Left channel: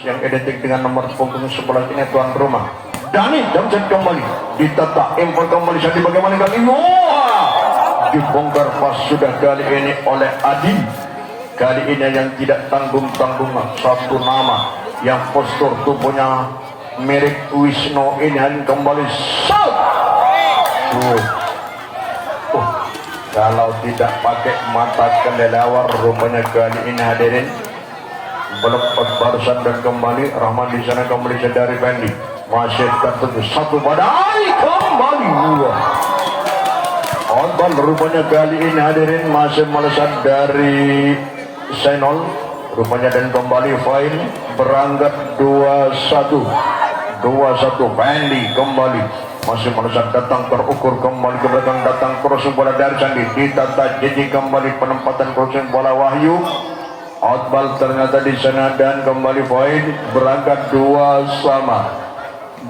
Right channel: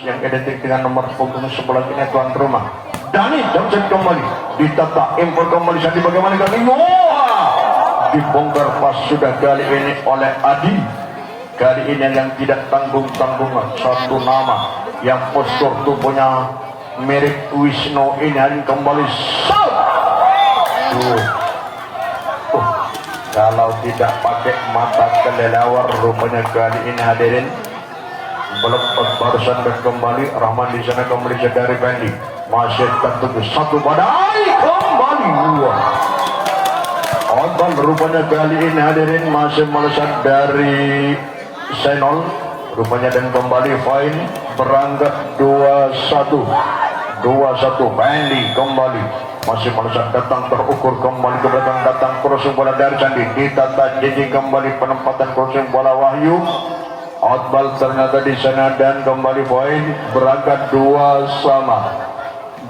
yang identik dengan nomor punggung sebelah kiri tuan rumah Dani Jamset kembali ditata impor kembali Sandi bagaimana kali dibongkar pas sudah kali ini oleh Adi. Kali ini yang tidak tanggung-tanggungan satu nama yang postur tubuhnya mirip Wisnu ini kembali kalau tidak pakai mata kelelawar rupanya kali ini hadirin belum barusan dan kembali Rahman di sana kembali dari Bandi masih tertutup satu badai kembali dua Otban rupanya kali ini hadirin masih melesat dari Senol rupanya dan kembali fine berangkat 2-1 Bandi kembali masih melesat datang terukur kembali ke belakang datang crossing bola dari Sandi ditata JJ kembali penempatan crossing bola Wahyu outball ternyata di sana dan kembali poin berangkat 2 sama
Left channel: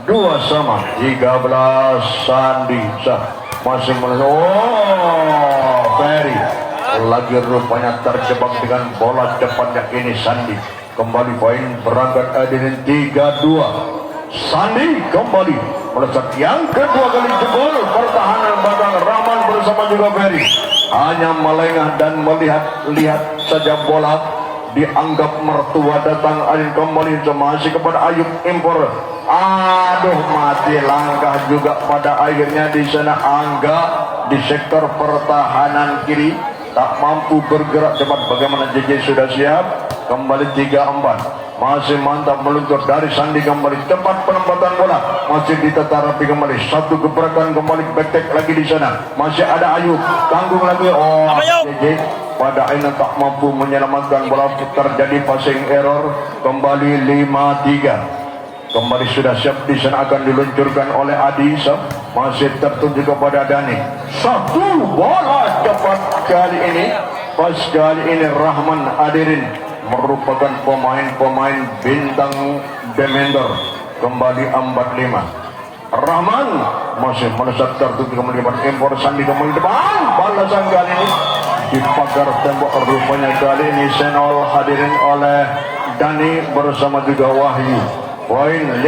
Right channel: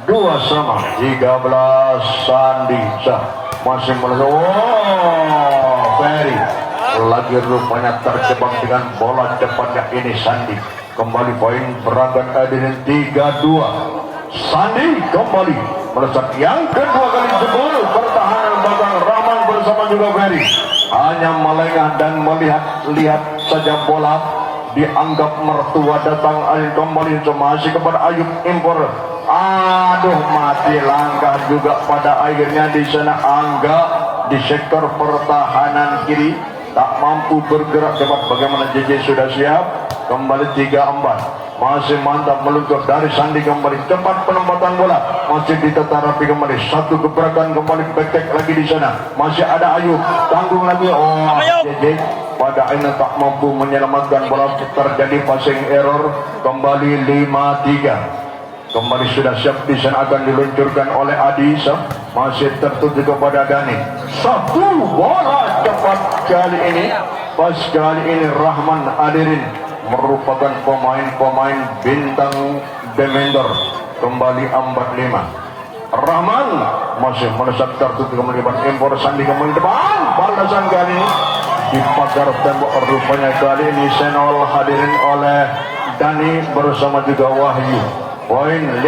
13 Sandi masih Ferry lagi rupanya terjebak dengan bola cepatnya ini Sandi kembali poin berangkat hadirin 3-2 Sandi kembali melesat yang kedua kali jebol pertahanan belakang Rahman bersama juga Ferry hanya melengah dan melihat saja bola dianggap mertua datang Ayub kembali masih kepada Ayub impor aduh mati langkah juga pada akhirnya di sana Angga di sektor pertahanan kiri tak mampu bergerak cepat bagaimana JJ sudah siap kembali 3-4 masih mantap meluncur dari Sandi kembali cepat penempatan bola masih ditata rapi kembali satu gebrakan kembali back lagi di sana masih ada Ayub tanggung lagi JJ pada akhirnya tak mampu menyelamatkan bola terjadi passing error kembali 5-3 kembali sudah siap di sana akan diluncurkan oleh Adi masih tertuju kepada Dani satu bola cepat kali ini pas kali ini Rahman hadirin merupakan pemain bintang Demender kembali 45 Rahman masih melesat tertuju kembali impor Sandi kembali depan balasan kali ini di pagar tembok rupanya kali ini Senol hadirin oleh Dani bersama juga Wahyu poin 5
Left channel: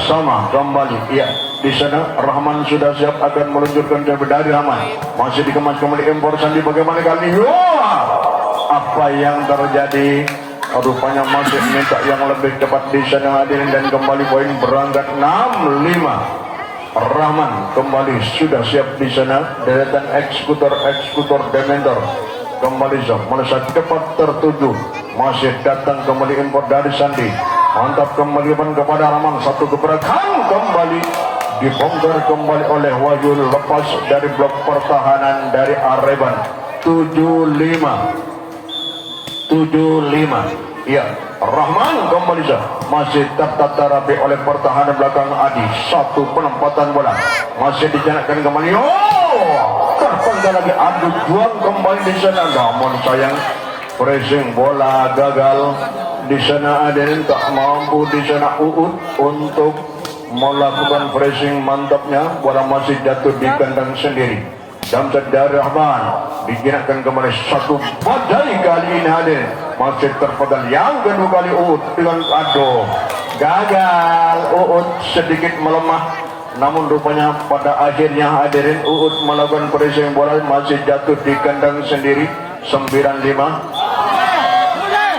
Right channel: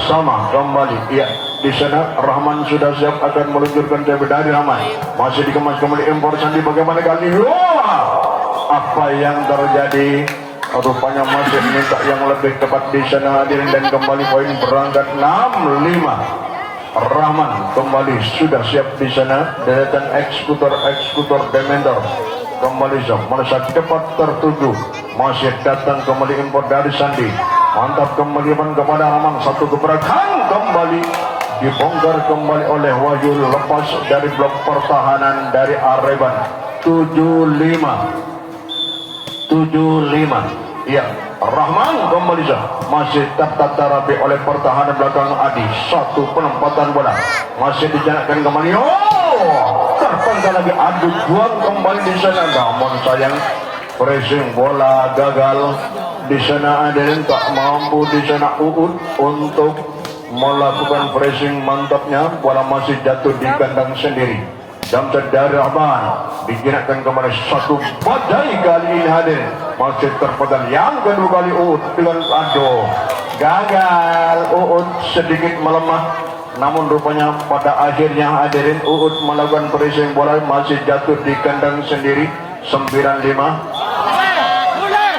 sama kembali ya di sana Rahman sudah siap akan meluncurkan dari Rahman masih dikemas kembali impor Sandi bagaimana kali ini apa yang terjadi rupanya masih minta yang lebih cepat di sana hadirin dan kembali poin berangkat 6-5 Rahman kembali sudah siap di sana deretan eksekutor Demender kembali melesat cepat tertuju masih datang kembali impor dari Sandi mantap kembali kepada Rahman satu gebrakan kembali dibongkar kembali oleh Wahyu lepas dari blok pertahanan dari Areban 75 ya Rahman kembali masih tertata rapi oleh pertahanan belakang Adi satu penempatan bola masih dijalankan kembali terpental lagi adu juang kembali di sana namun sayang pressing bola gagal di sana ada yang tak mampu di sana untuk melakukan pressing mantapnya bola masih jatuh di kandang sendiri Jamset dari Rahman digunakan kembali satu badai kali ini hadir masih terpegang yang kedua kali dengan gagal sedikit melemah namun rupanya pada akhirnya hadirin melakukan pressing bola masih jatuh di kandang sendiri 9-5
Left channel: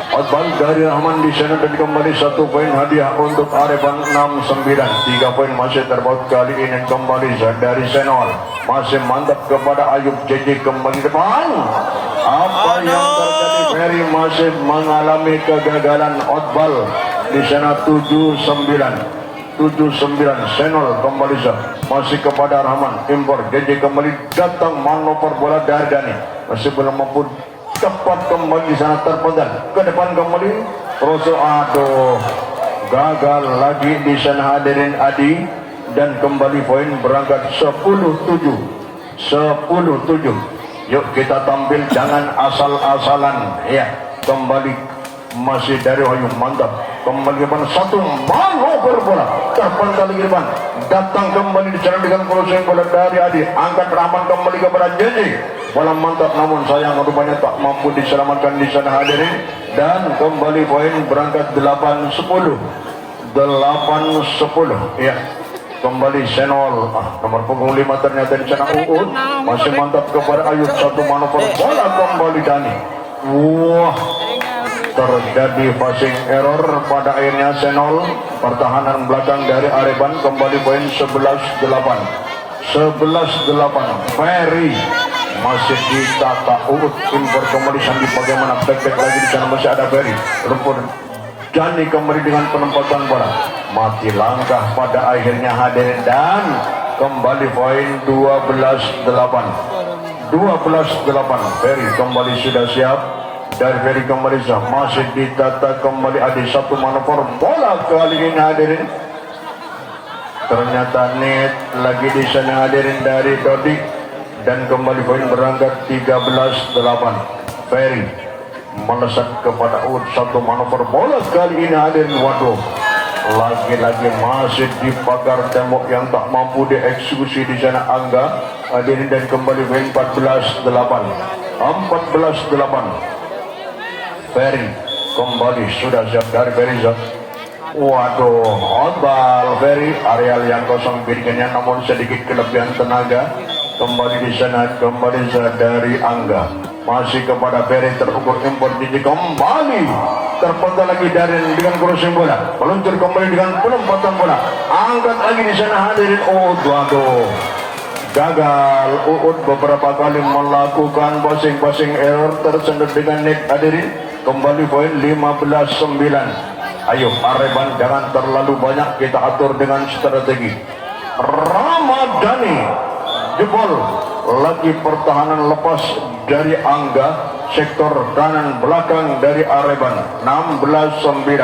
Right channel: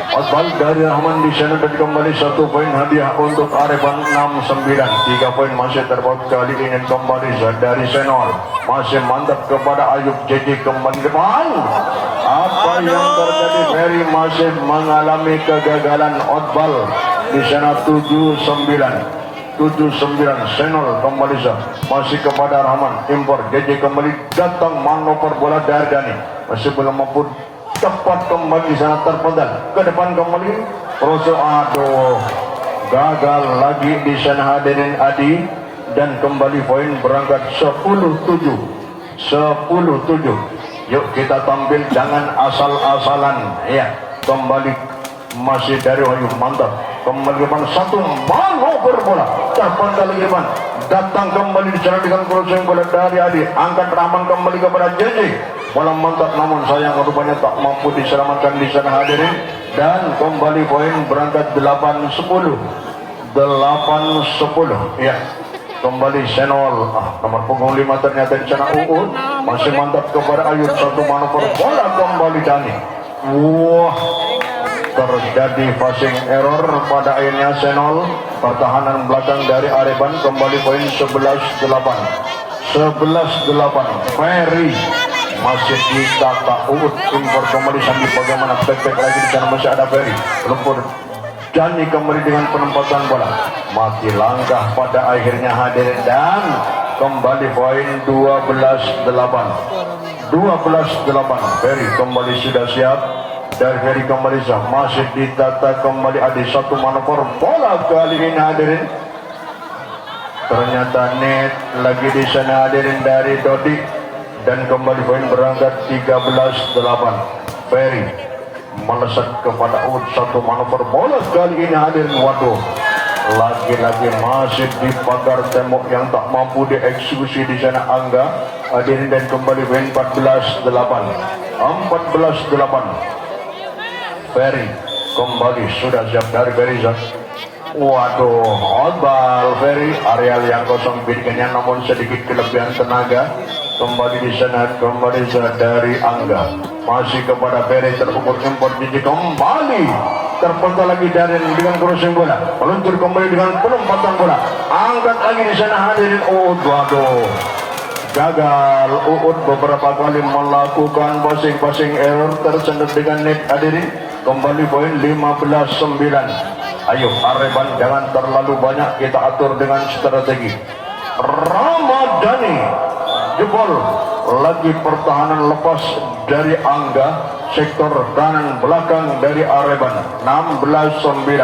Otbal dari Rahman di sana dan kembali satu poin hadiah untuk Areban 6-9 3 poin masih terpaut kali ini kembali dari Senol masih mantap kepada Ayub JJ kembali depan apa yang terjadi Ferry masih mengalami kegagalan Otbal di sana 7-9 Senol kembali masih kepada Rahman impor JJ kembali datang manuver bola dari Dani masih belum mampu cepat kembali sana terpendam ke depan kembali Rosso gagal lagi di sana hadirin Adi dan kembali poin berangkat 10-7 yuk kita tampil jangan asal-asalan ya kembali masih dari Wahyu mantap kembali bang satu manuver bola terpendam lagi bang datang kembali di sana dengan crossing bola dari Adi angkat Rahman kembali kepada JJ bola mantap namun sayang rupanya tak mampu diselamatkan di sana hadirin. Dan kembali poin berangkat 8-10 ya. Kembali Senol nomor punggung 5 ternyata di sana Uud masih mantap kepada Ayub, satu manuver bola kembali Dani. Wah, terjadi passing error pada akhirnya Senol. Pertahanan belakang dari Areban kembali poin 11-8. Ferry masih ditata Uud, impor kembali Sandi, bagaimana back lagi di sana masih ada Ferry, lumpur Dani kembali dengan penempatan bola, mati langkah pada akhirnya hadirin. Dan kembali poin 12-8. Ferry kembali sudah siap. Dari Ferry kembali siap, masih ditata kembali Adi, satu manuver bola kali ini hadirin. Ternyata net lagi di sana hadirin dari Dodi. Dan kembali poin berangkat 13-8. Ferry melesat kepada Uud, satu manuver bola kali ini hadirin. Waduh, lagi-lagi masih di pagar tembok yang tak mampu dieksekusi di sana Angga hadirin. Dan kembali poin 14-8. Ferry kembali sudah siap dari Berizat. Waduh, Odbal Ferry, areal yang kosong bikinnya namun sedikit kelebihan tenaga. Kembali di sana, kembali dari Angga, masih kepada Ferry, terukur impor Gigi kembali terpental lagi dari dengan crossing bola, meluncur kembali dengan penempatan bola, angkat lagi di sana hadirin. Waduh, gagal Uud beberapa kali melakukan passing error, tersendat dengan net hadirin. Kembali poin 15-9. Ayo Areban jangan terlalu banyak kita atur dengan strategi. Ramadhani jebol lagi, pertahanan lepas dari Angga, sektor kanan belakang dari Areban 16-9.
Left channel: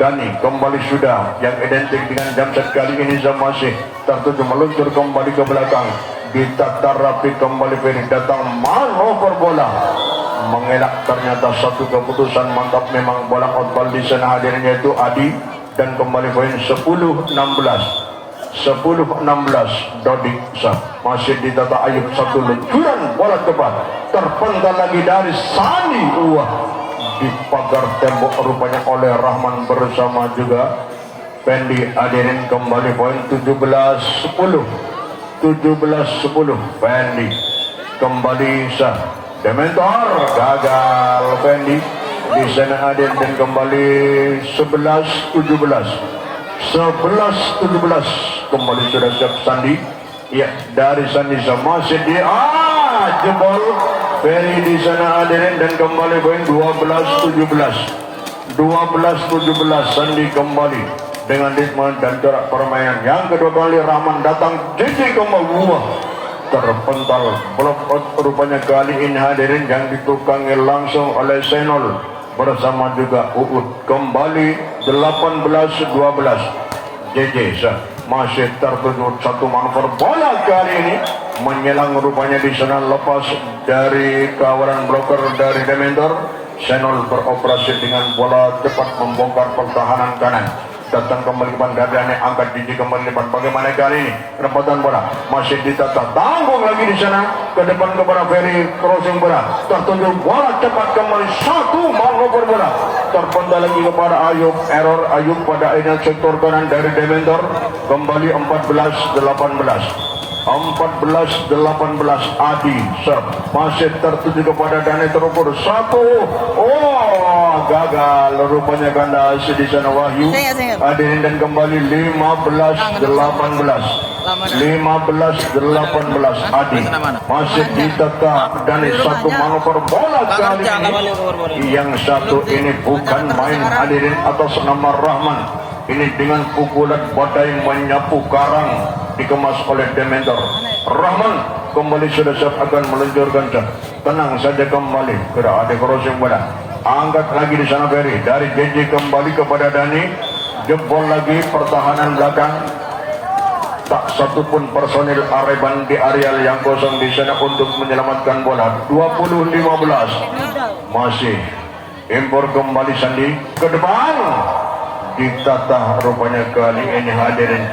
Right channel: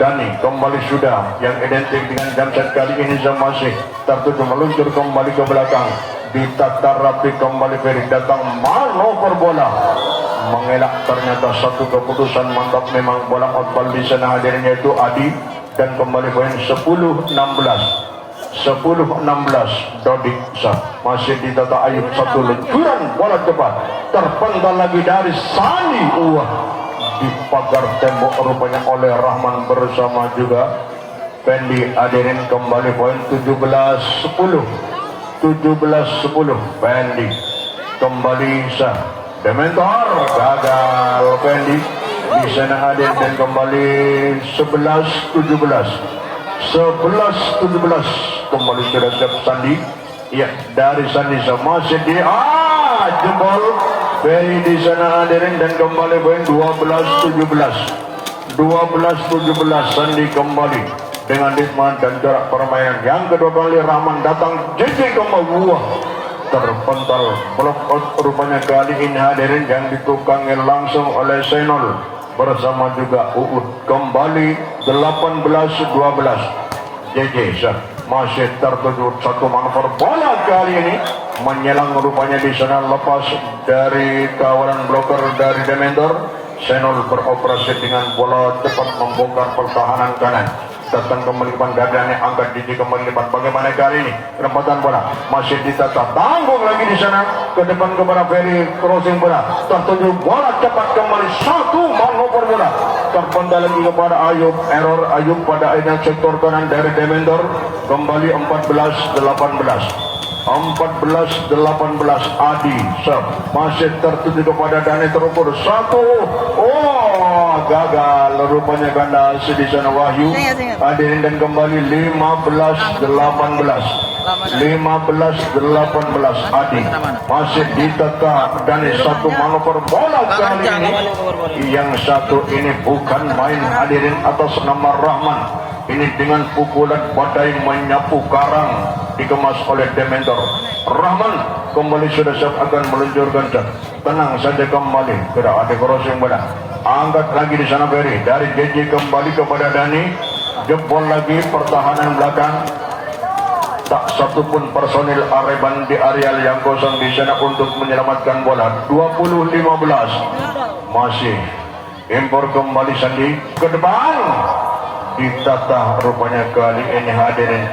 Dani kembali sudah yang identik dengan Jamset kali ini masih tertuju, meluncur kembali ke belakang, ditata rapi kembali Ferry, datang manuver bola mengelak, ternyata satu keputusan mantap memang bola outball di sana hadirin yaitu Adi. Dan kembali poin 10-16. Dodik masih ditata Ayub, satu luncuran bola cepat terpental lagi dari Sani. Di pagar tembok rupanya oleh Rahman bersama juga Fendi hadirin. Kembali poin 17-10. Fendi kembali Dementor, gagal Fendi di sana hadirin. Dan kembali 11-17. Kembali sudah siap Sandi. Ya, dari Sandi masih di jebol Ferry di sana hadirin. Dan kembali poin 12-17. Sandi kembali dengan ritme dan jarak permainan. Yang kedua kali Rahman datang, JJ kembali terpental blok out rupanya kali ini hadirin, yang ditukangi langsung oleh Senol bersama juga Uud. Kembali 18-12. JJ masih tertuju, satu manuver bola kali ini menyelang rupanya di sana, lepas dari kawalan bloker dari Dementor. Senol beroperasi dengan bola cepat membongkar pertahanan kanan. Datang kembali Damiannya, angkat Didi kembali depan. Bagaimana kali ini penempatan bola masih ditata, tanggung lagi di sana ke depan kepada Ferry, crossing bola tertuju, bola cepat kembali, satu manuver bola terpental lagi kepada Ayub, error Ayub pada akhirnya sektor kanan dari Dementor. Kembali 14-18. Adi masih tertuju kepada Dani, terukur satu. Gagal rupanya ganda di sana Wahyu hadirin. Dan kembali 15-18. Adi masih ditata Dani, satu manuver bola kali ini. Yang satu ini bukan main hadirin, atas nama Rahman. Ini dengan pukulan badai menyapu karang dikemas oleh Dementor. Rahman kembali sudah siap akan meluncurkan jam. Tenang saja kembali, tidak ada crossing bola. Angkat lagi di sana Ferry, dari JJ kembali kepada Dani, jebol lagi pertahanan belakang. Tak satupun personil Areban di areal yang kosong di sana untuk menyelamatkan bola. 20-15. Masih impor kembali Sandi ke depan. Ditata rupanya kali ini hadirin.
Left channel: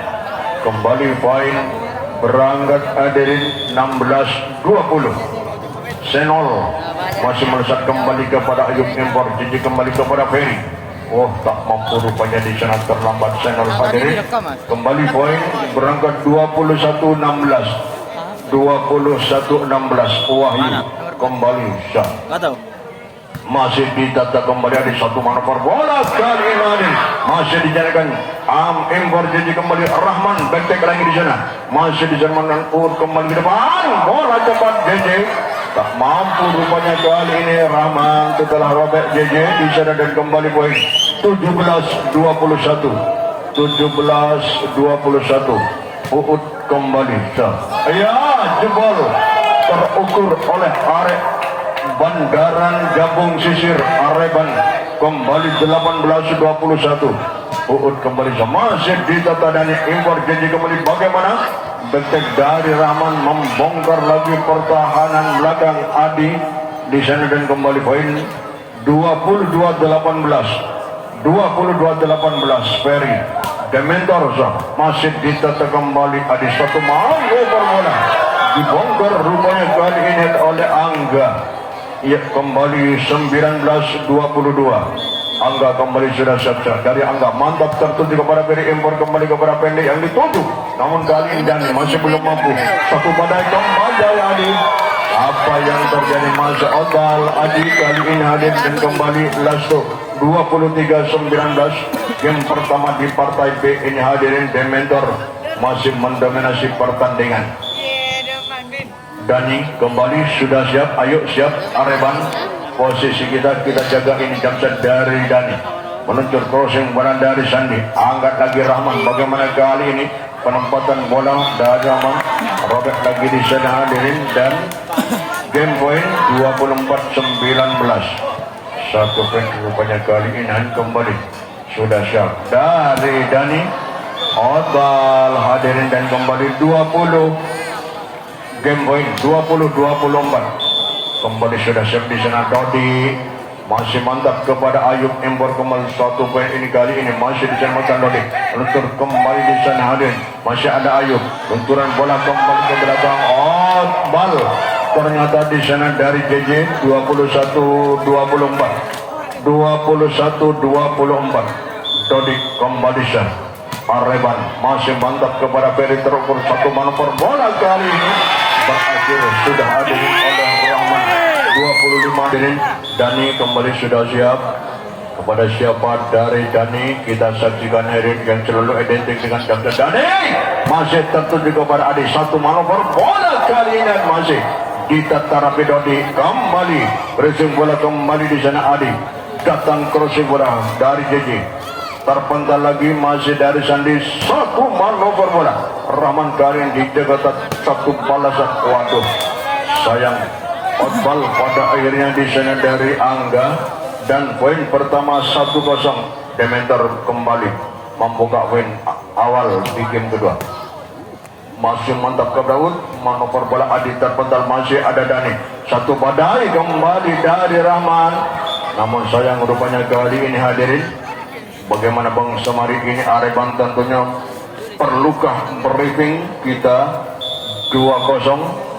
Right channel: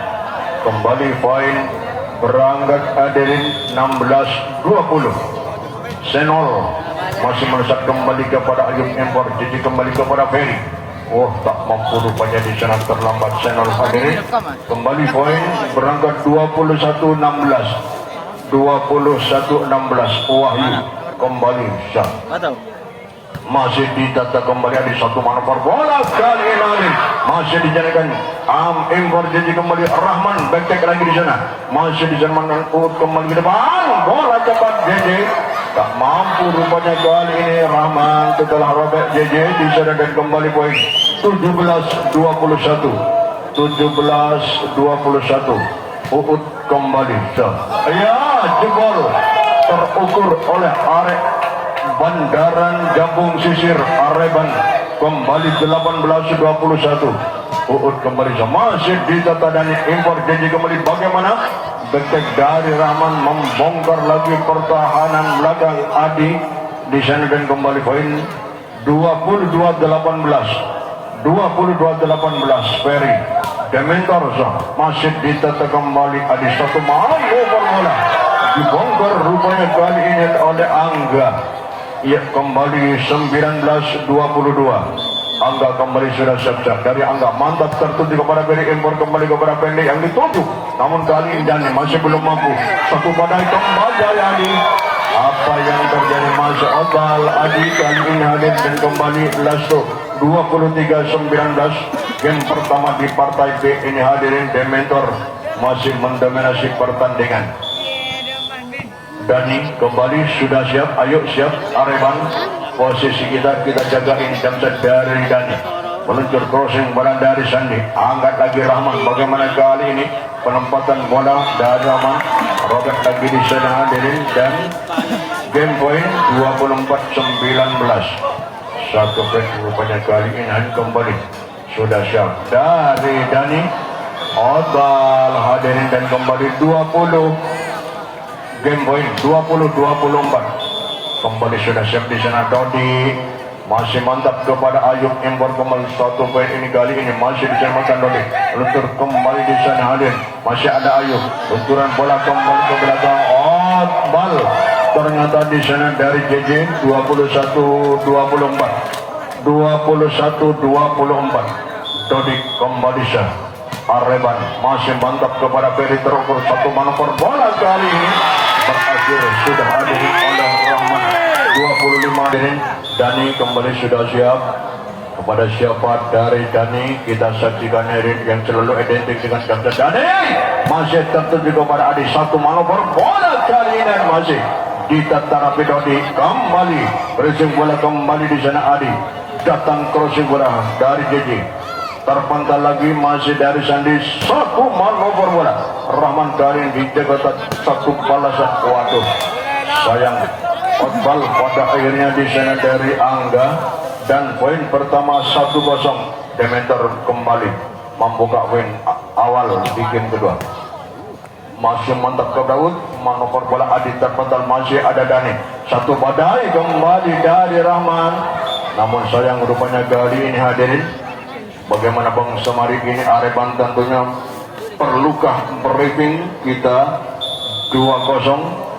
Kembali poin berangkat hadirin 16-20. Senol masih melesat kembali kepada Ayub Impor, jadi kembali kepada Ferry. Oh, tak mampu rupanya di sana, terlambat Senol hadirin. Kembali poin berangkat 21-16. 21-16 Wahyu kembali sah. Masih ditata kembali ada satu manuver bola kali ini masih dijalankan Impor, jadi kembali Rahman back lagi di sana, masih dijalankan kembali ke depan, bola cepat JJ tak mampu rupanya kali ini Rahman setelah robek JJ di sana dan kembali poin 17-21 Uut kembali sah. Ya, jebol terukur oleh Arek Bandaran Gabung Sisir Areban kembali 18-21. Uut kembali sama, masih ditata dan Impor, jadi kembali bagaimana detek dari Rahman membongkar lagi pertahanan belakang Adi di sana dan kembali poin 22-18 Ferry Dementor masih ditata kembali Adi, satu manuver bola dibongkar rupanya kali ini oleh Angga. Ya, kembali 19-22. Angga kembali sudah siap-siap dari Angga, mantap tertuju kepada Ferry Impor, kembali kepada Pendek yang dituju, namun kali ini Dani masih belum mampu. Satu badai kembali Adi, apa yang terjadi masa akal Adi kali ini hadir dan kembali Lasto 23-19. Game pertama di partai B ini hadirin Dementor masih mendominasi pertandingan. Dani kembali sudah siap, ayo siap Areban, posisi kita jaga ini, jamset dari Dani meluncur crossing bola dari Sandi, angkat lagi Rahman, bagaimana kali ini penempatan bola dari Rahman, robek lagi di sana hadirin dan game point 24-19. Satu poin rupanya kali ini kembali sudah siap dari Dani Odal hadirin dan kembali 20 game point 20-24 kembali sudah siap di sana. Dodi masih mantap kepada Ayub Impor, kembali satu poin ini kali ini masih diselamatkan Dodi, luntur kembali di sana hadir, masih ada Ayub, lunturan bola kembali ke belakang bal ternyata di sana dari JJ 21-24 Dodi kembali sah. Areban masih mantap kepada Ferry, terukur satu manuver bola kali ini berakhir sudah hadirin oleh Rahman 25 hadirin. Dani kembali sudah siap, kepada siapa dari Dani kita saksikan hadirin yang selalu identik dengan gambar Dani masih tertuju kepada Adi, satu manuver bola kali ini masih ditata rapi Dodi, kembali crossing bola kembali di sana Adi, datang crossing bola dari JJ, terpenggal lagi masih dari Sandi, satu manuver bola Rahman Karin dijaga satu balasan, waduh sayang Otbal pada akhirnya di sana dari Angga dan poin pertama 1-0 Dementor kembali membuka win awal di game kedua. Masih mantap ke Daud, manuver bola Adi terpental, masih ada Dani, satu badai kembali dari Rahman, namun sayang rupanya kali ini hadirin bagaimana Bang Semari ini Areban tentunya perlukah briefing kita 2-0.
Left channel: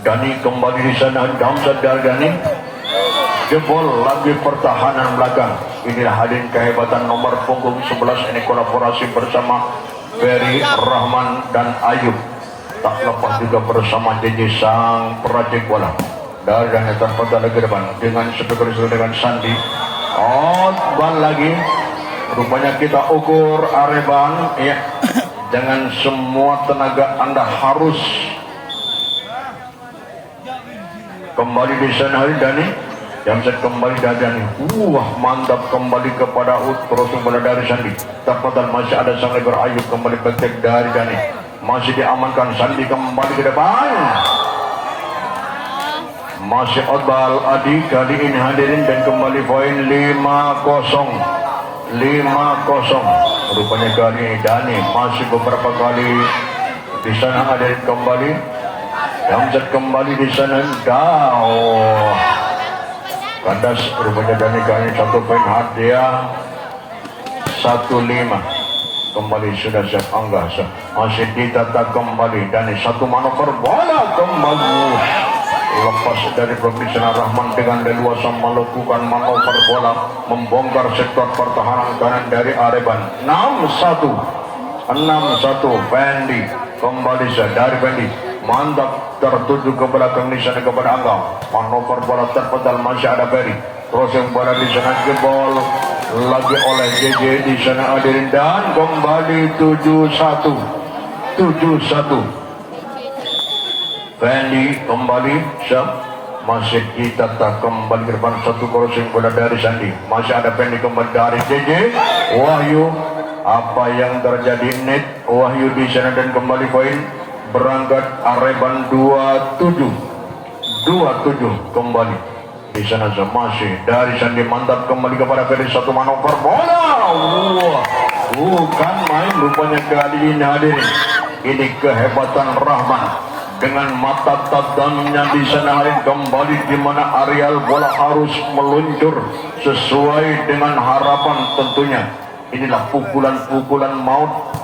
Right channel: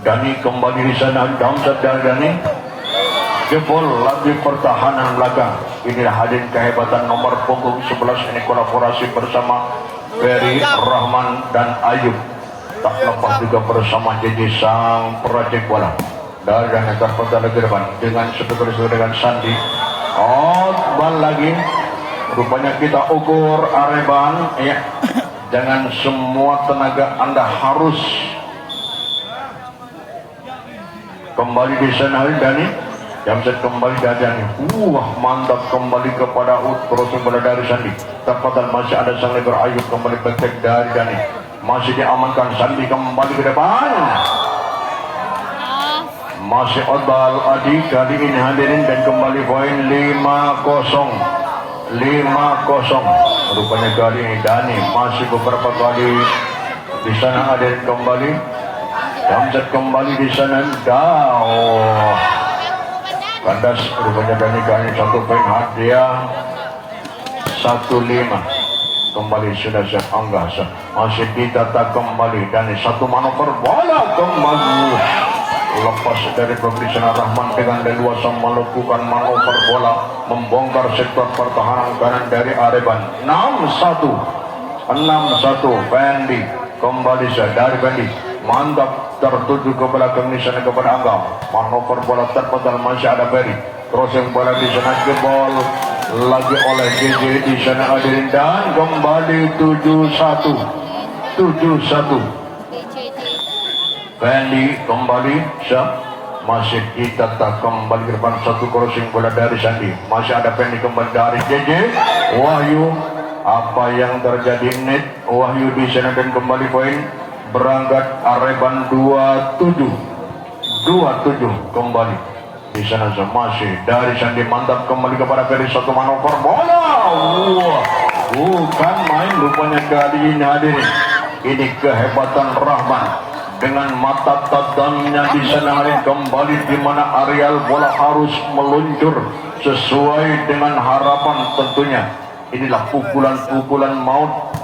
Dani kembali di sana, Damsat dan Dani jebol lagi pertahanan belakang. Inilah hadirin kehebatan nomor punggung 11 ini, kolaborasi bersama Ferry, Rahman dan Ayub, tak lepas juga bersama JJ sang peracik bola dari yang akan pada ke depan dengan seperti dengan Sandi. Bal lagi rupanya kita ukur Areban ya, jangan semua tenaga Anda harus kembali di sana Dani yang set kembali dari Dani, mantap kembali kepada crossing bola dari Sandi, dapatan masih ada sang lebar Ayub, kembali betek dari Dani masih diamankan, Sandi kembali ke depan, masih Odbal Adi kali ini hadirin dan kembali poin 5-0 rupanya kali ini Dani masih beberapa kali di sana hadirin kembali Damjat kembali di sana kandas rupanya Dani kali satu poin hadiah 1-5 kembali sudah siap Angga, masih ditata kembali dan satu manuver bola kembali lepas dari pemeriksaan Rahman dengan leluasa melakukan manuver bola membongkar sektor pertahanan kanan dari Areban. 6-1 Fendi kembali dari Fendi mantap tertuju ke belakang di sana kepada Angga, manuver bola terpental masih ada Ferry, crossing bola di sana jebol lagi oleh JJ di sana hadirin dan kembali 7-1 Fendi kembali masih kita tak kembali ke depan satu crossing bola dari Sandi, masih ada Fendi kembali dari JJ Wahyu, apa yang terjadi net Wahyu di sana dan kembali poin berangkat Areban 27 kembali di sana masih dari Sandi mantap kembali kepada Ferry, satu manuver bola bukan main rupanya kali ini hadirin, ini kehebatan Rahman dengan mata tajamnya di sana kembali di mana areal bola harus meluncur sesuai dengan harapan tentunya. Inilah pukulan maut.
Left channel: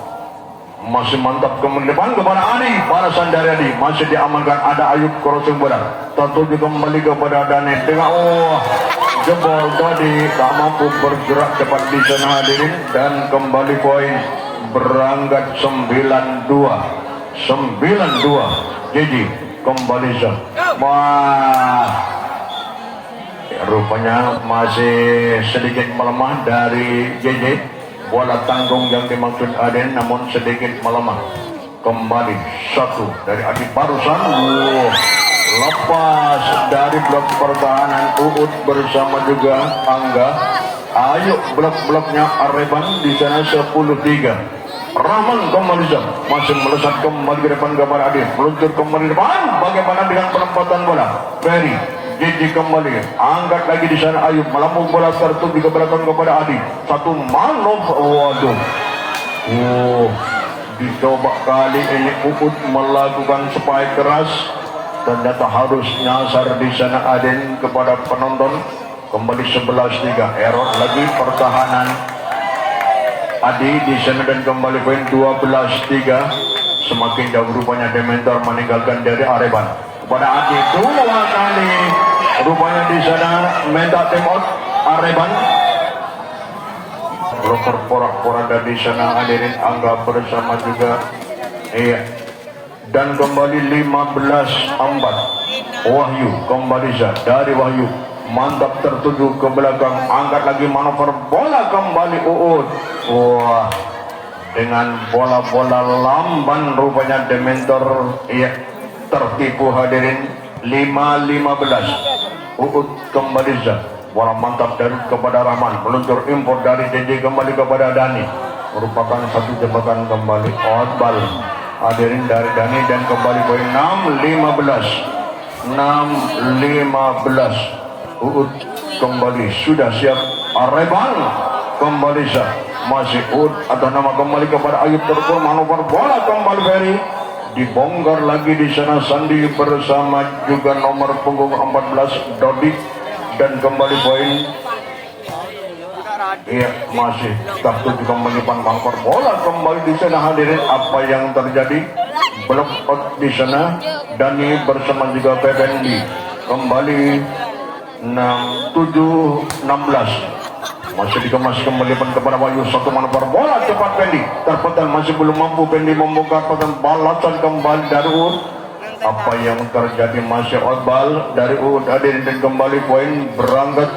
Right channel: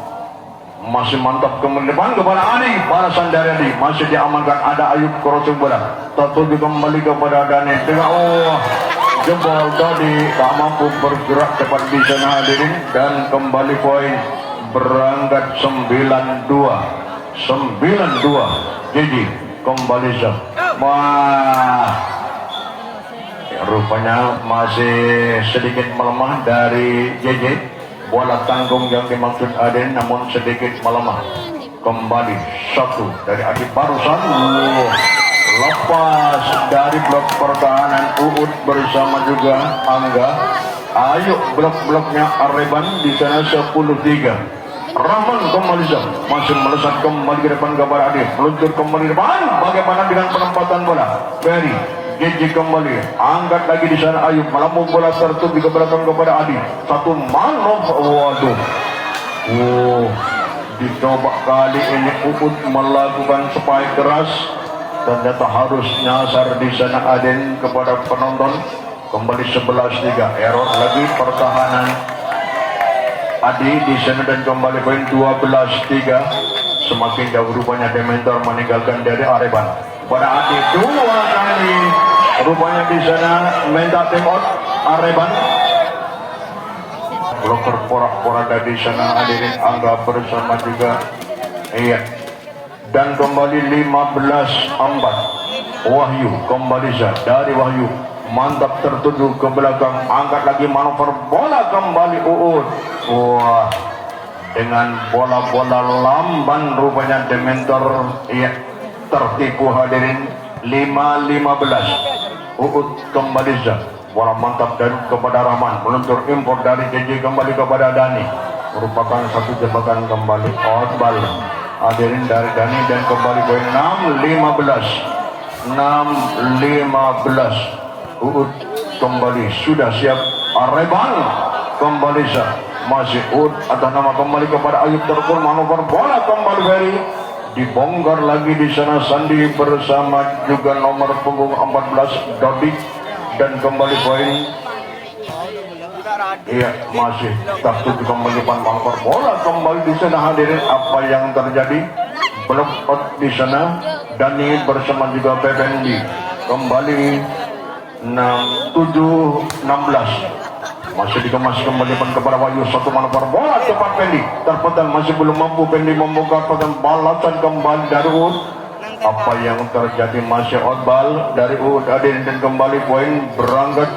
Masih mantap ke depan kepada Adi, balasan dari Adi masih diamankan, ada Ayub crossing bola tertuju kembali kepada Dani dengan jebol tadi tak mampu bergerak cepat di sana hadirin dan kembali poin berangkat 9-2 Jadi kembali rupanya masih sedikit melemah dari JJ. Bola tanggung yang dimaksud Aden namun sedikit melemah. Kembali satu dari Adi barusan lepas dari blok pertahanan Uud bersama juga Angga. Ayo blok-bloknya Areban di sana 10-3. Rahman kembali masih melesat kembali ke depan kepada Adi, meluncur kembali depan. Bagaimana dengan penempatan bola? Ferry JJ kembali, angkat lagi di sana Ayub, melambung bola tertuju ke belakang kepada Adi. Satu manuver, dicoba kali ini Uud melakukan spike keras, ternyata harus nyasar di sana Aden kepada penonton. Kembali 11-3, error lagi pertahanan Adi di sana dan kembali poin 12-3. Semakin jauh rupanya Dementor meninggalkan dari Areban. Pada Adi 2 kali rupanya di sana minta tim out Areban. Bloker porak-porak di sana hadirin Angga bersama juga dan kembali 15-4 Wahyu kembali dari Wahyu mantap tertuju ke belakang, angkat lagi manuver bola kembali Uud. Dengan bola-bola lamban rupanya Dementor tertipu hadirin. 5-15 Uud kembali bola mantap dan kepada Rahman, meluncur impor dari JJ kembali kepada Dani, merupakan satu jembatan kembali outball hadirin dari Dani dan kembali poin 6-15 Uud kembali sudah siap. Areban kembali masih Uud atas nama kembali kepada Ayub terpur manuver bola kembali Ferry, dibongkar lagi di sana Sandi bersama juga nomor punggung 14 Dodik dan kembali poin masih tertuju kembali manuver bola kembali di sana hadirin. Apa yang terjadi? Blok out di sana Dani bersama juga Bebendi kembali 7-16 masih dikemas kembali kepada Wahyu, satu manuver bola cepat Pendi terpetan, masih belum mampu Pendi membongkar petan, balasan kembali dari Uud. Apa yang terjadi? Masih outball dari Uud Adin dan kembali poin berangkat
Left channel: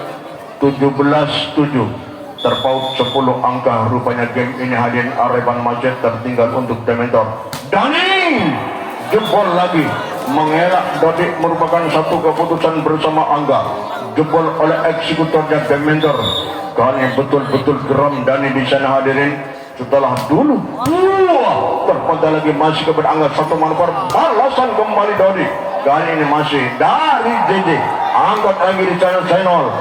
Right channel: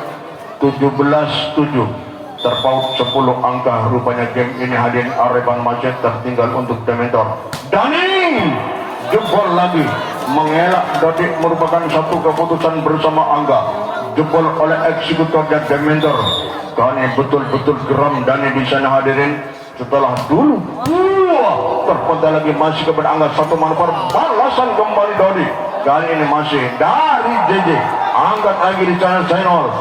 17-7 terpaut 10 angka rupanya game ini hadirin. Areban masih tertinggal untuk Dementor. Dani jebol lagi mengelak Dodik, merupakan satu keputusan bersama Angga, jebol oleh eksekutor dan Dementor. Kali betul-betul geram Dani di sana hadirin. Setelah dulu terpental lagi masih kepada Angga, satu manuver balasan kembali Dodik. Kali ini masih dari JJ, angkat lagi di sana Zainal,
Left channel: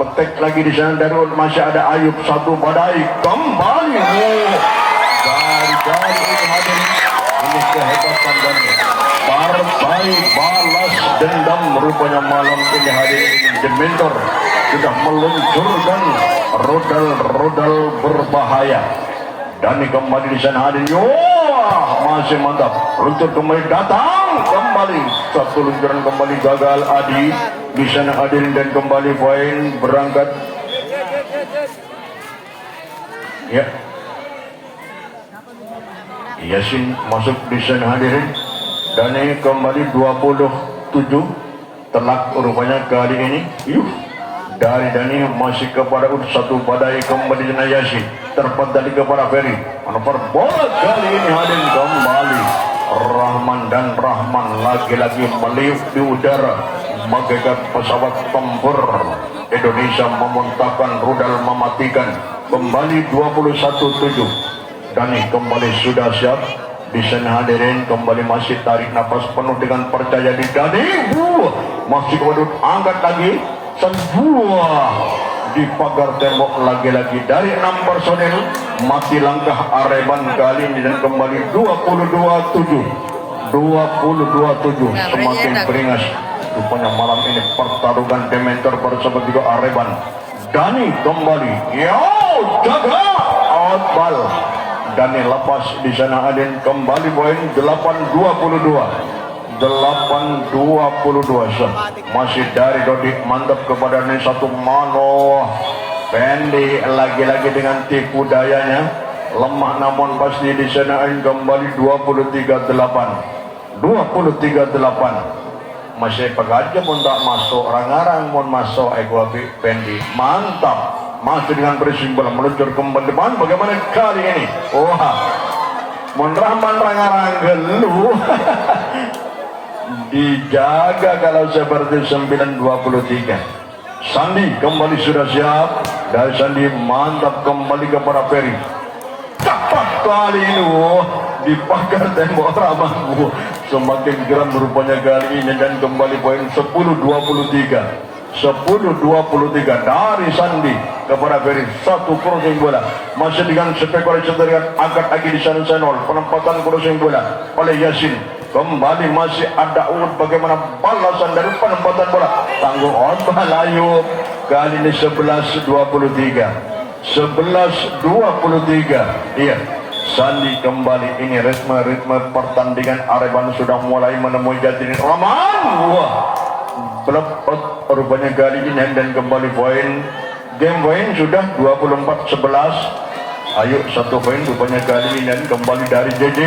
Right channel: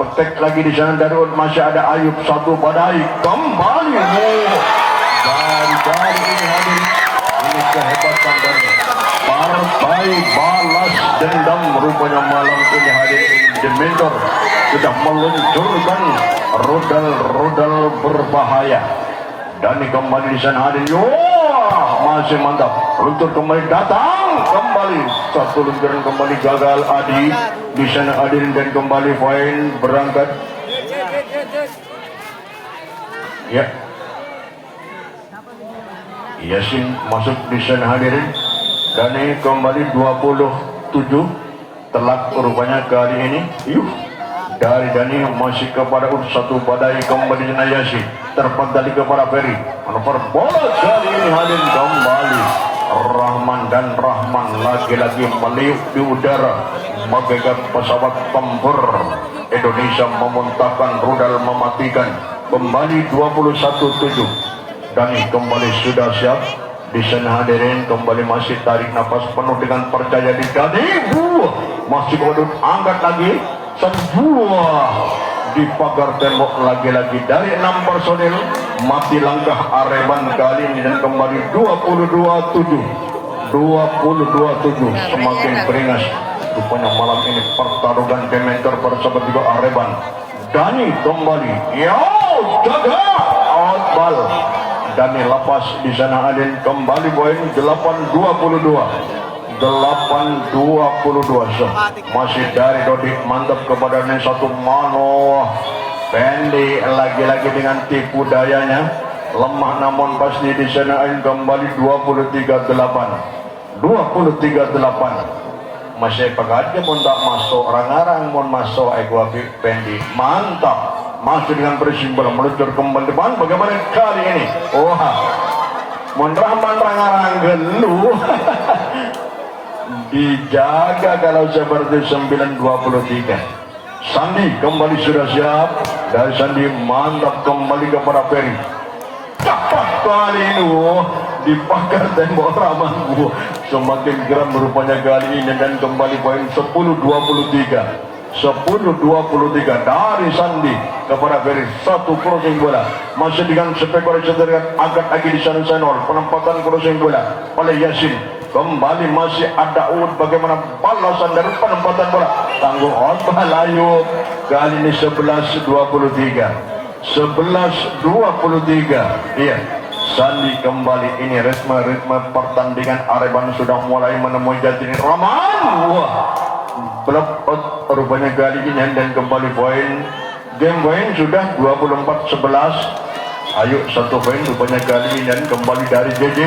betek lagi di sana dari Uud, masih ada Ayub, satu badai kembali dari ini hadirin. Ini kehebatan dari partai balas dendam rupanya malam ini hadirin. Dementor sudah meluncurkan rodal-rodal berbahaya Dani kembali di sana hadirin. Masih mantap, luncur kembali datang kembali, satu luncuran kembali gagal Adi di sana hadirin, dan kembali poin berangkat. Ya, Yasin masuk di sana hadirin. Dani kembali 27 telak rupanya kali ini. Dari Dani masih kepada satu badai kembali dengan Yasin, terpendali kepada Ferry. Manuver bola kali ini hadirin kembali Rahman, dan Rahman lagi-lagi meliuk di udara bagaikan pesawat tempur. Indonesia memuntahkan rudal mematikan. Kembali 21-7. Dani kembali sudah siap di sana hadirin, kembali masih tarik nafas penuh dengan percaya di Dani. Masih kodut angkat lagi sebuah di pagar tembok lagi-lagi dari 6 personil. Mati langkah Areban kali ini dan kembali 22-7. Semakin beringas rupanya malam ini pertarungan Demeter bersama juga Areban. Dani kembali, jaga outball. Dani lepas di sana Adin, kembali poin 8-22. Masih dari Dodi, mantap kepada satu Mano. Pendi lagi-lagi dengan tipu dayanya, lemah namun pasti di sana Adin, kembali 23-8. Masih pegaja pun tak masuk, rangarang pun masuk Ekuapi Pendi, mantap. Masih dengan bersimbol meluncur kembali depan. Bagaimana kali ini? Rahman rangarang gelu. Dijaga kalau seperti 9-23. Sandi kembali sudah siap. Dan Sandi mantap kembali kepada Ferry. Cepat kali ini di pagar tembok Rahman. Semakin geram rupanya kali ini, dan kembali poin 10-23 dari Sandi kepada Ferry. Satu crossing bola masih dengan spekulasi dari angkat lagi di sana Senol. Penempatan crossing bola oleh Yasin. Kembali masih ada Ud, bagaimana balasan dari penempatan bola. Tanggung Otbah Layu kali ini 11-23. Iya, Sandi kembali. Ini ritme pertandingan Areban sudah mulai menemui jati Rahman. Belepot rupanya kali ini, dan kembali poin. Game poin sudah 24-11. Ayo satu poin rupanya kali ini, dan kembali dari JJ.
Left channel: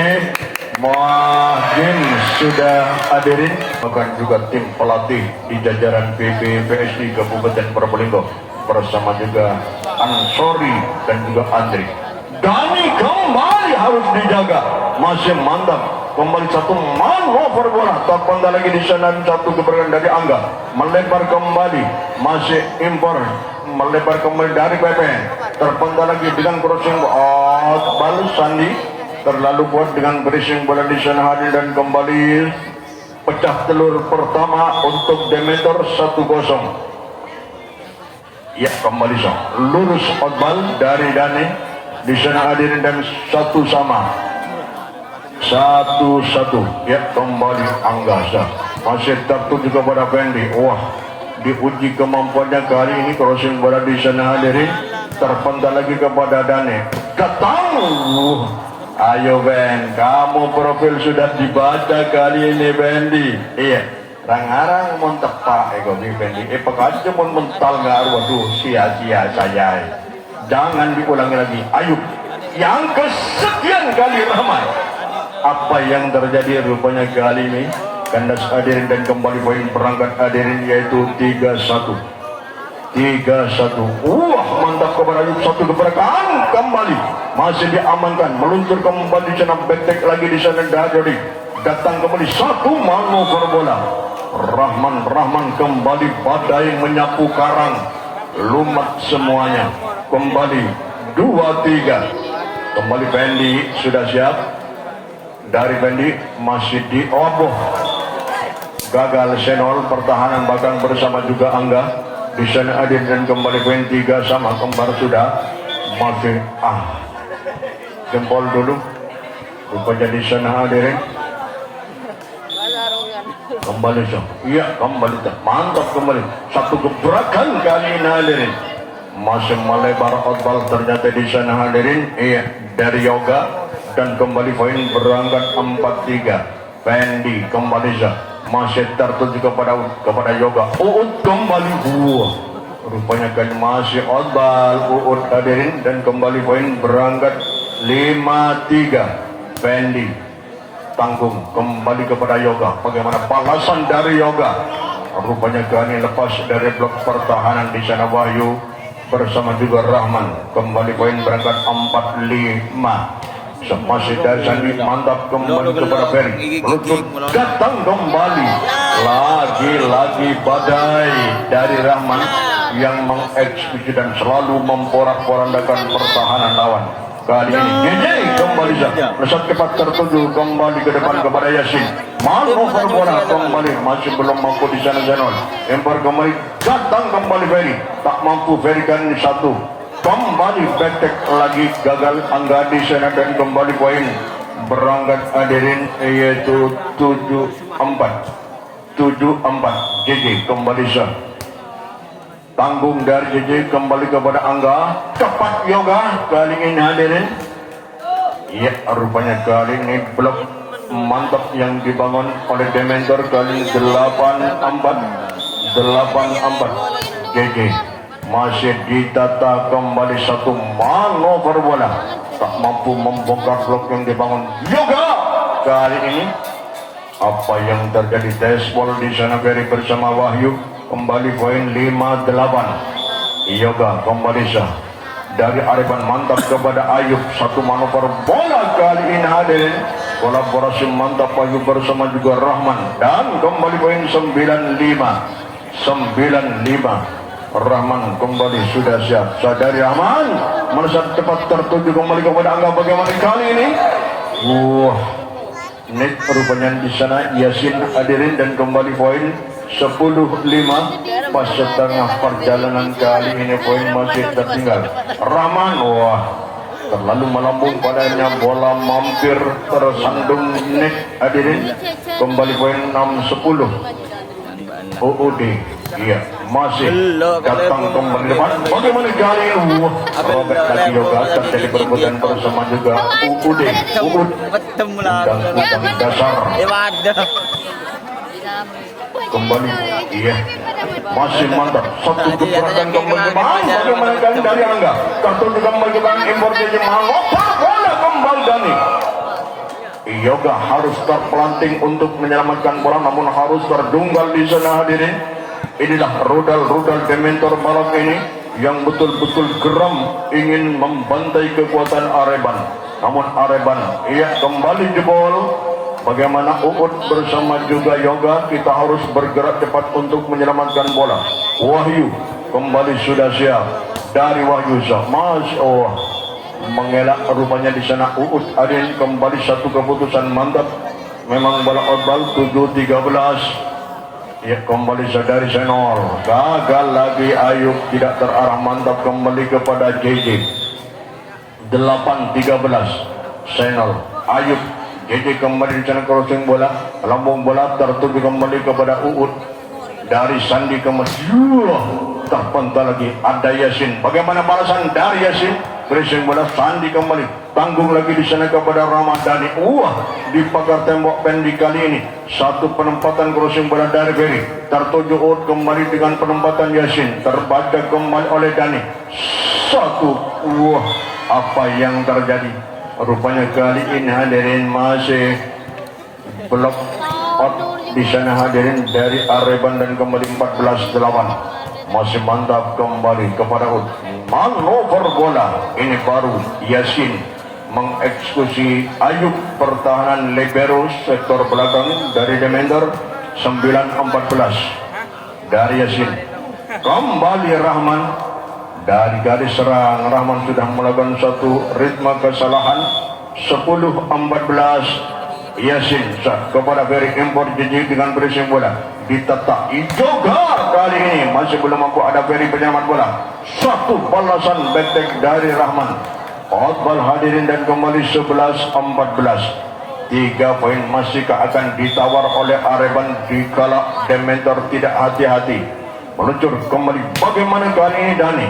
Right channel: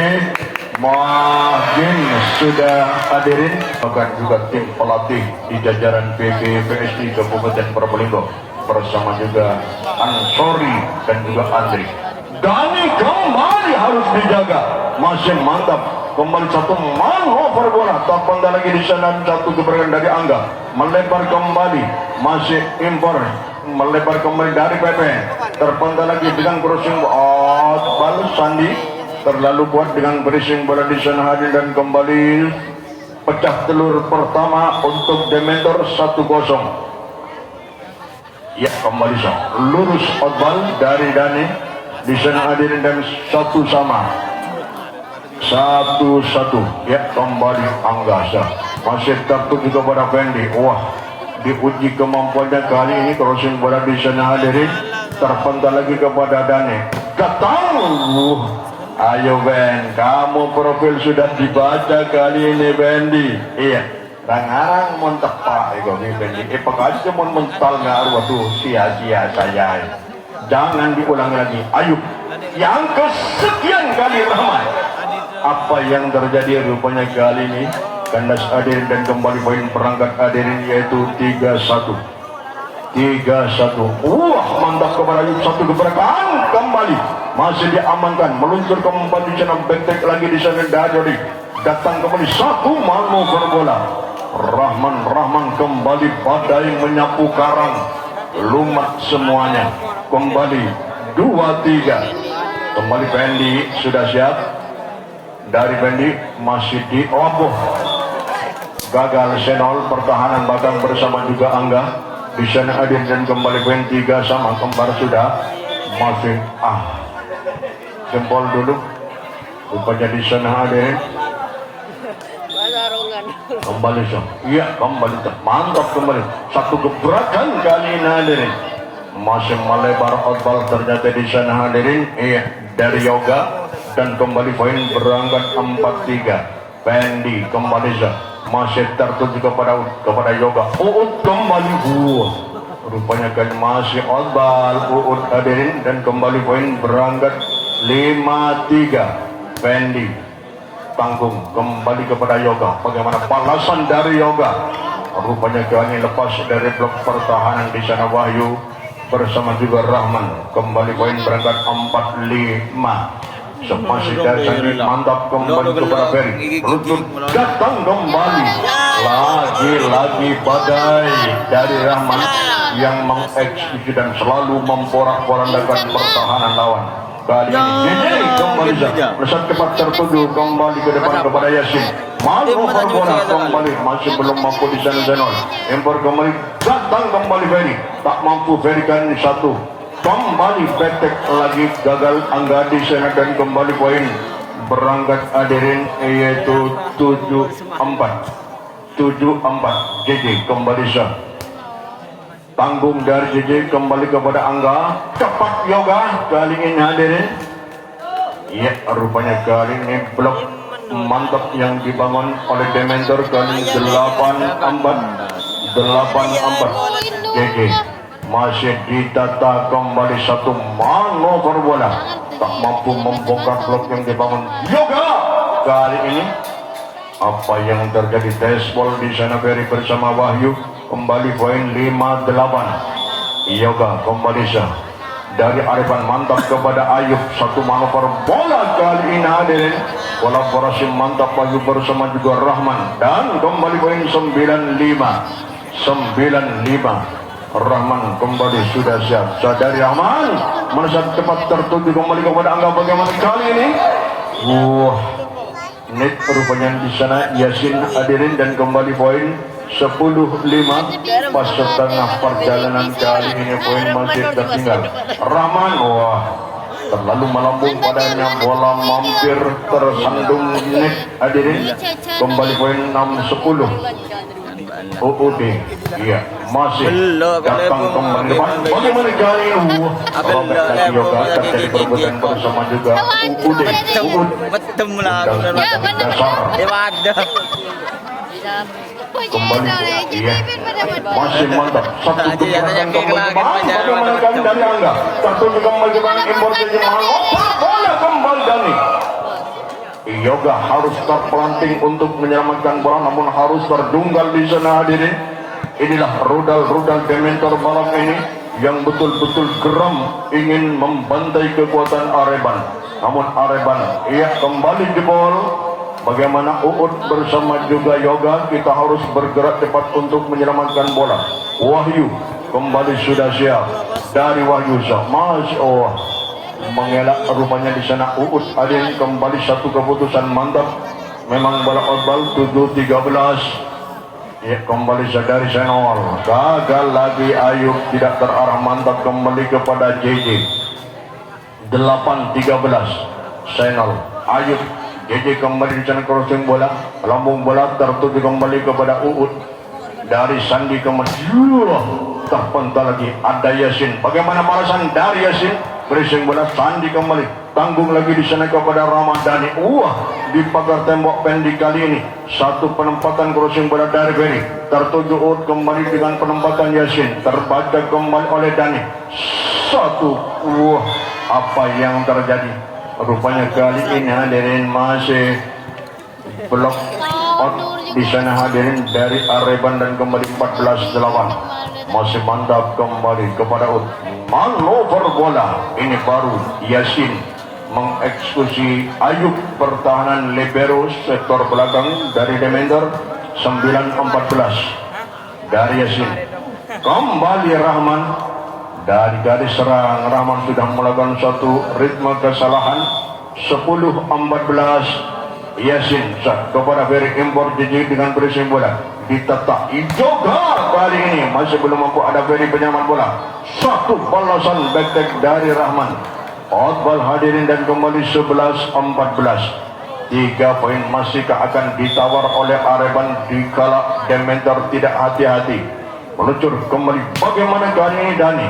Mungkin sudah hadirin, bahkan juga tim pelatih di jajaran PPPSI Kabupaten Probolinggo bersama juga Ansori dan juga Andri. Dani kembali harus dijaga, masih mantap. Kembali satu manuver bola, terpendam lagi di sana, satu keberanian dari Angga, melebar kembali, masih impor, melebar kembali dari PP, terpendam lagi dengan crossing balas Sandi, terlalu kuat dengan berishing bola di sana hadir, dan kembali pecah telur pertama untuk Demeter 1-0. Ya, kembali lurus outball dari Dani di sana hadir, dan 1-1. Ya, kembali Anggasa masih tertuju kepada Fendi. Diuji kemampuannya kali ini, crossing bola di sana hadirin, terpental lagi kepada Dani. Datang. Ayo Ben, kamu profil sudah dibaca kali ini Bendi. Iya, rangarang mon tepak Bendi. Pekaja mon mental ngaruh, waduh sia-sia saya. Jangan diulangi lagi. Ayo, yang kesekian kali Rahman. Apa yang terjadi rupanya kali ini? Kandas hadirin, dan kembali poin perangkat hadirin yaitu 3-1. Mantap kepada Ayub, satu gebrakan kembali masih diamankan, meluncur kembali di sana, betek lagi di sana dari datang kembali satu manuver bola. Rahman kembali badai menyapu karang, lumat semuanya. Kembali 2-3. Kembali Bendi sudah siap. Dari Bendi masih di gagal Senol, pertahanan bahkan bersama juga Angga. Di sana Adin, dan kembali poin 3 sama kembar sudah. Masih jempol dulu rupanya di sana Adin. Kembali iya, kembali mantap kembali satu gebrakan kali ini Adin. masih melebar outball ternyata di sana hadirin. Iya, dari Yoga dan kembali poin berangkat 4-3. Fendi kembali masih tertuju kepada Yoga. Uut kembali rupanya kan masih outball Uut hadirin dan kembali poin berangkat 5-3. Fendi tanggung kembali kepada Yoga. Bagaimana balasan dari Yoga? Rupanya kali lepas dari blok pertahanan di sana Wahyu bersama juga Rahman. Kembali poin berangkat 4-5. Masih dari sana mantap kembali kepada Ferry. Lutut datang kembali. Lagi-lagi badai dari Rahman yang mengeksekusi dan selalu memporak-porandakan pertahanan lawan. Kali ini kembali melesat cepat tertuju kembali ke depan kepada Yasin. Malu bola kembali masih belum mampu di sana Zainal. Empor kembali datang kembali Ferry. Tak mampu Ferry kali ini satu. Kembali petek lagi gagal Angga di sana dan kembali poin berangkat hadirin yaitu 7-4. JJ kembali tanggung dari JJ kembali kepada Angga. Cepat Yoga kali ini hadirin. Ya rupanya kali ini blok mantap yang dibangun oleh Dementor kali ini 8-4. JJ masih ditata kembali satu manuver bola. Tak mampu membongkar blok yang dibangun Yoga kali ini. Apa yang terjadi dashball di sana Ferry bersama Wahyu. Kembali poin 5-8. Yoga kembali dari Arifan mantap kepada Ayub. Satu manuver bola kali ini hadirin. Kolaborasi mantap Wahyu bersama juga Rahman. Dan kembali poin 9-5. Rahman kembali sudah siap. Sadari Rahman melesat cepat tertuju kembali kepada Angga. Bagaimana kali ini? Net rupanya di sana Yasin hadirin dan kembali poin 10-5. Pas setengah perjalanan kali ini poin masih tertinggal. Rahman terlalu melambung padanya, bola mampir tersandung net hadirin. Kembali poin 6-10. OOD iya masih datang kembali. Bagaimana kali ini berbuatan bersama juga UUD kembali iya masih mantap satu keberatan kembali dari Angga. Kartu juga mengajukan impor jadi bola kembali Dani. Yoga harus terpelanting untuk menyelamatkan bola, namun harus terdunggal di sana hadirin. Inilah rudal-rudal Dementor malam ini yang betul-betul geram ingin membantai kekuatan Areban. Namun Areban kembali jebol. Bagaimana Uut bersama juga Yoga, kita harus bergerak cepat untuk menyelamatkan bola. Wahyu kembali sudah siap dari Wahyu mengelak rupanya di sana Uut Adin kembali satu keputusan mantap. Memang bola outball 7-13. Ya kembali dari Senol. Gagal lagi Ayub tidak terarah mantap kembali kepada JJ. 8-13 Senol. Ayub JJ kembali di sana crossing bola. Lambung bola tertuju kembali kepada Uut. Dari Sandi kembali terpental lagi ada Yasin. Bagaimana balasan dari Yasin? Berising bola Sandi kembali tanggung lagi di sana kepada Ramadhani. Di pagar tembok Pendi kali ini satu penempatan crossing bola dari Ferry tertuju Uut kembali dengan penempatan Yasin terbaca kembali oleh Dani. Apa yang terjadi? Rupanya kali ini hadirin masih blok out di sana hadirin dari Areban dan kembali 14-8. Masih mantap kembali kepada Uut. Manuver bola ini baru Yasin mengeksekusi Ayub pertahanan libero sektor belakang dari Dementor 9-14 dari Yasin. Kembali Rahman dari garis serang. Rahman sudah melakukan satu ritme kesalahan 10-14. Yasin kepada Ferry impor JJ dengan berising bola ditetak juga kali ini masih belum mampu ada Ferry penyelamat bola. Satu balasan betek dari Rahman. Outball hadirin dan kembali 11-14. 3 poin masihkah akan ditawar oleh Areban dikala Dementor tidak hati-hati meluncur kembali. Bagaimana kali ini Dani?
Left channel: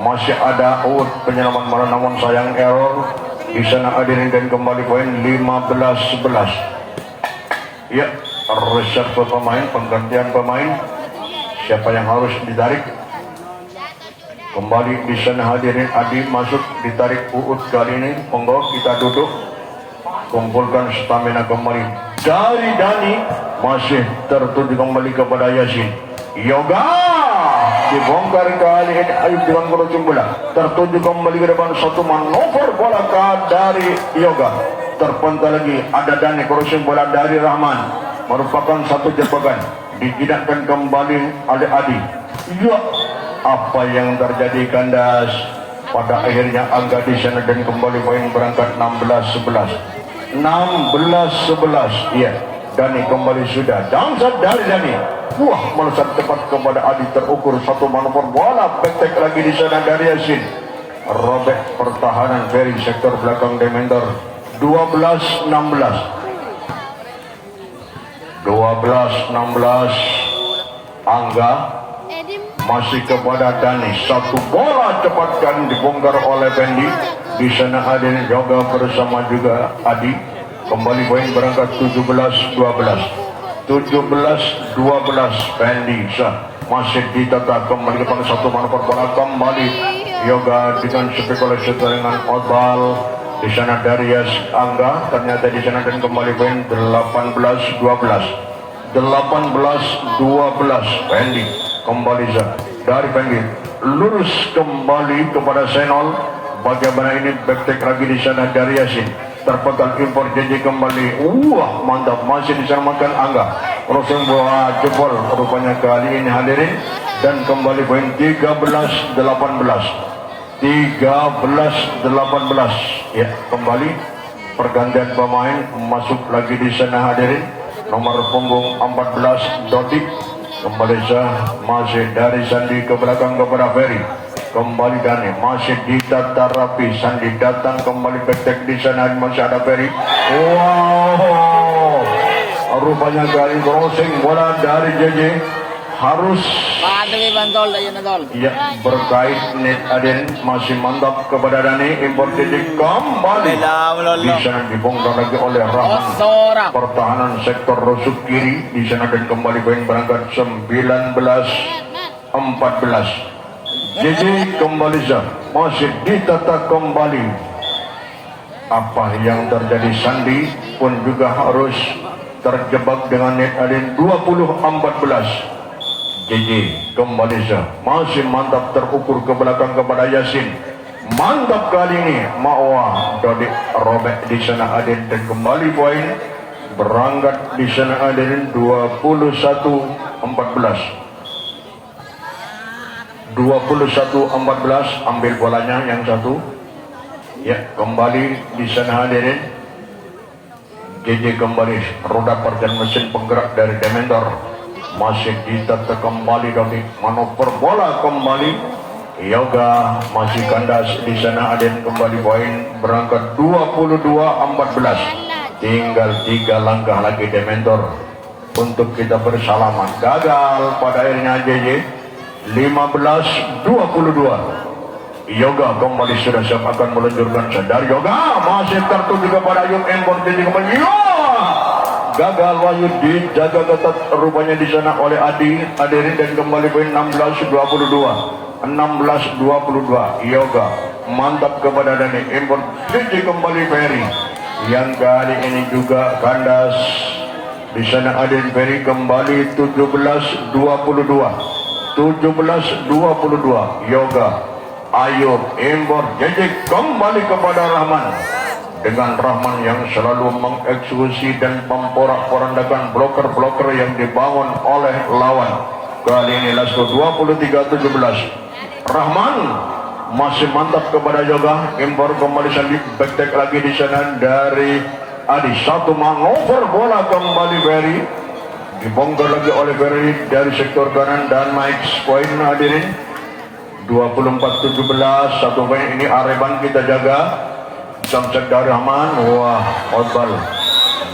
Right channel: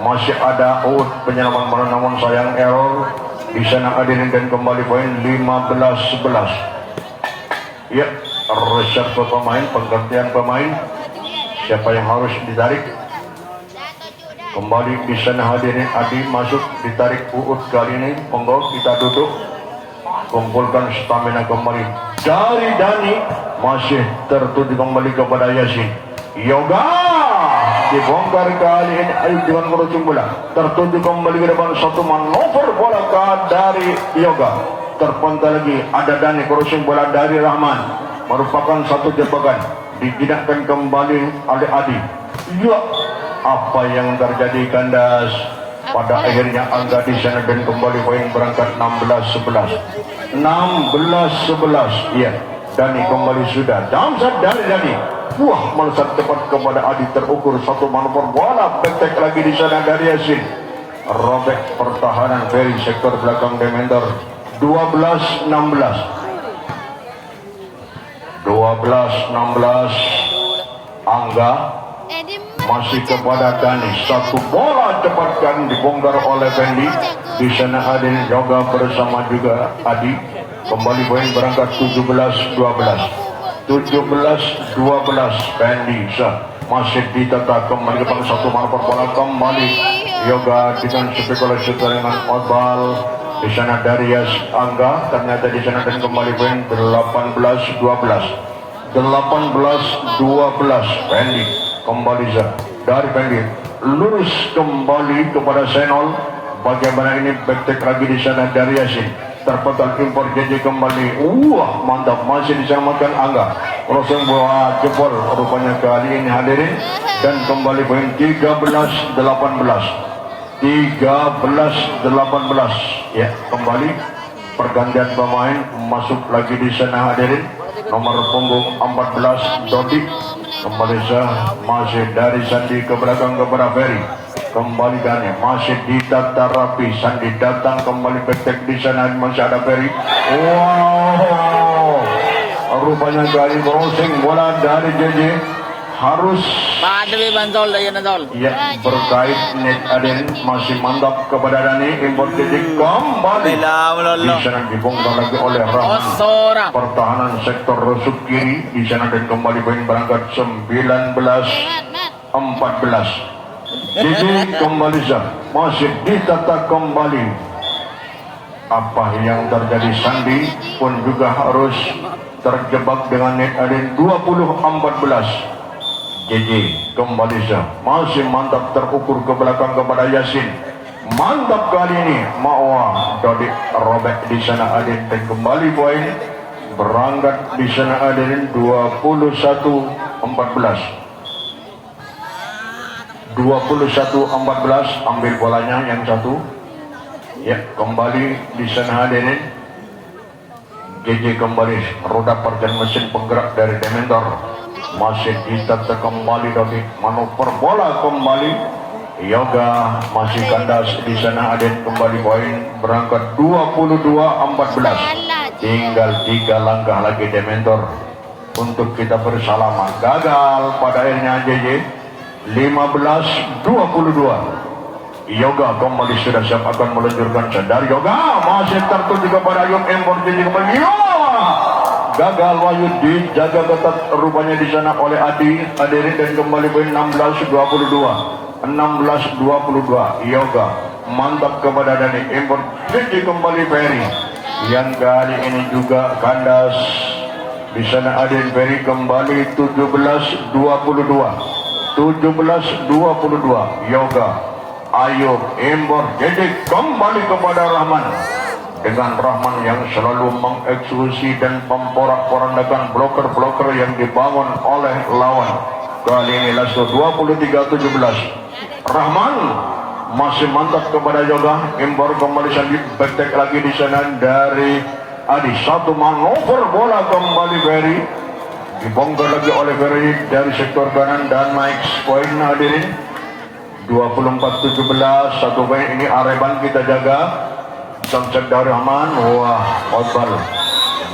masih ada penyelaman mana namun sayang error di sana. Hadirin dan kembali poin 15-11. Ya, reshuffle pemain, penggantian pemain. Siapa yang harus ditarik? Kembali di sana hadirin. Adi masuk, ditarik kali ini. Monggo kita duduk, kumpulkan stamina kembali dari Dani. Masih tertuju kembali kepada Yasin. Yoga dibongkar kali ini. Ayo jalan menuju bola, tertuju kembali ke depan. Satu manuver bola dari Yoga, terpental lagi ada Dani. Crossing bola dari Rahman, merupakan satu jebakan, dijinakkan kembali oleh Adi. Ya, apa yang terjadi kandas? Pada akhirnya angka di sana dan kembali poin berangkat 16-11. 16-11. Ya, Dani kembali sudah. Damsat dari Dani. Wah, melesat cepat kepada Adi, terukur satu manuver bola. Betek lagi di sana dari Yasin. Robek pertahanan dari sektor belakang Demender. 12-16. 12-16. Angga masih kepada Dani. Satu bola cepat dan dibongkar oleh Fendi. Di sana Adin Yoga bersama juga Adi. Kembali poin berangkat 17-12. 17-12. Fendi masih ditata kembali ke satu manuver bola kembali. Yoga dengan spekulasi dengan Otbal. Di sana Darius Angga, ternyata di sana dan kembali poin 18-12. 18-12. Fendi kembali dari Fendi, lurus kembali kepada Senol. Bagaimana ini backtrack lagi di sana dari Yasin, terpental impor JJ kembali. Wah, mantap, masih diselamatkan Angga. Langsung bola jebol rupanya kali ini hadirin, dan kembali poin 13-18. 13-18. Ya, kembali pergantian pemain masuk lagi di sana hadirin. Nomor punggung 14 Dodik kembali masih dari Sandi ke belakang kepada Ferry. Kembali Dani masih ditata rapi. Sandi datang kembali betek di sana, masih ada Ferry. Wow, rupanya kali crossing bola dari JJ harus ya, berkait net Aden masih mantap kepada Dani. Import JJ kembali di sana dibongkar lagi oleh Rahman. Pertahanan sektor rusuk kiri di sana dan kembali poin berangkat 19-14. JJ kembali masih ditata kembali. Apa yang terjadi? Sandi pun juga harus terjebak dengan net Aden. 20-14. JJ kembali masih mantap, terukur ke belakang kepada Yasin. Mantap kali ini Mawa Dodik robek di sana Aden dan kembali poin berangkat di sana Aden 21-14. 21-14. Ambil bolanya yang satu. Ya, kembali di sana Aden. JJ kembali, roda perjalanan mesin penggerak dari Dementor masih ditata kembali. Dodik manuver bola kembali. Yoga masih kandas di sana Aden. Kembali poin berangkat 22-14. Tinggal 3 langkah lagi Dementor untuk kita bersalaman. Gagal pada akhirnya JJ. 15-22. Yoga kembali sudah siap akan meluncurkan sadar. Yoga masih tertuju kepada Ayub Embor. JJ kembali. Gagal Wahyu dijaga ketat rupanya di sana oleh Adi. Hadirin dan kembali poin 16-22. 16-22. Yoga mantap kepada Dani. Import JJ kembali Ferry. Yang kali ini juga kandas di sana Adin. Ferry kembali 17-22. 17-22. Yoga, Ayub, Embor, JJ kembali kepada Rahman. Dengan Rahman yang selalu mengeksekusi dan memporak-porandakan bloker-bloker yang dibangun oleh lawan. Kali ini Lasko 23-17. Rahman masih mantap kepada Yoga. Embor kembali salib, betek lagi di sana dari Adi. Satu manuver bola kembali Ferry. Dibongkar lagi oleh Ferry dari sektor kanan dan Mike poin hadirin 24-17. Satu poin ini Areban kita jaga. Samsak dari Rahman. Wah, Otbal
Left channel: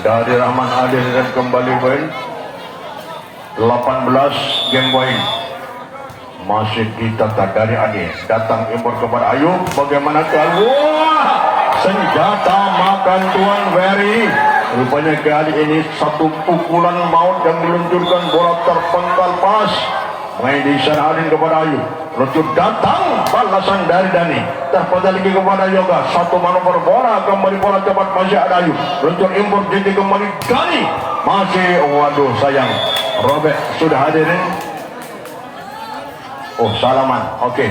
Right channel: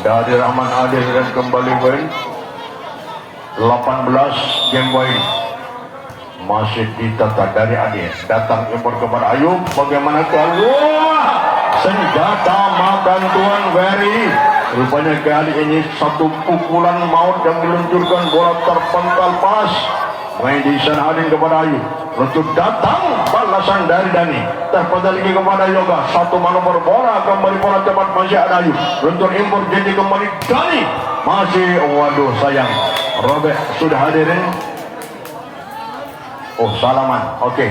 dari Rahman hadir dan kembali poin 18 game point. masih ditata dari Ade, datang impor kepada Ayub, bagaimana wah, senjata makan Tuan Ferry. Rupanya kali ini satu pukulan maut yang diluncurkan, bola terpental pas main di sana Adin kepada Ayub, luncur datang balasan dari Dani, terpental lagi kepada Yoga, satu manuver bola kembali bola tepat masih ada Ayub, luncur impor jadi kembali Dani, masih waduh sayang robek sudah hadir. Oh salaman, oke.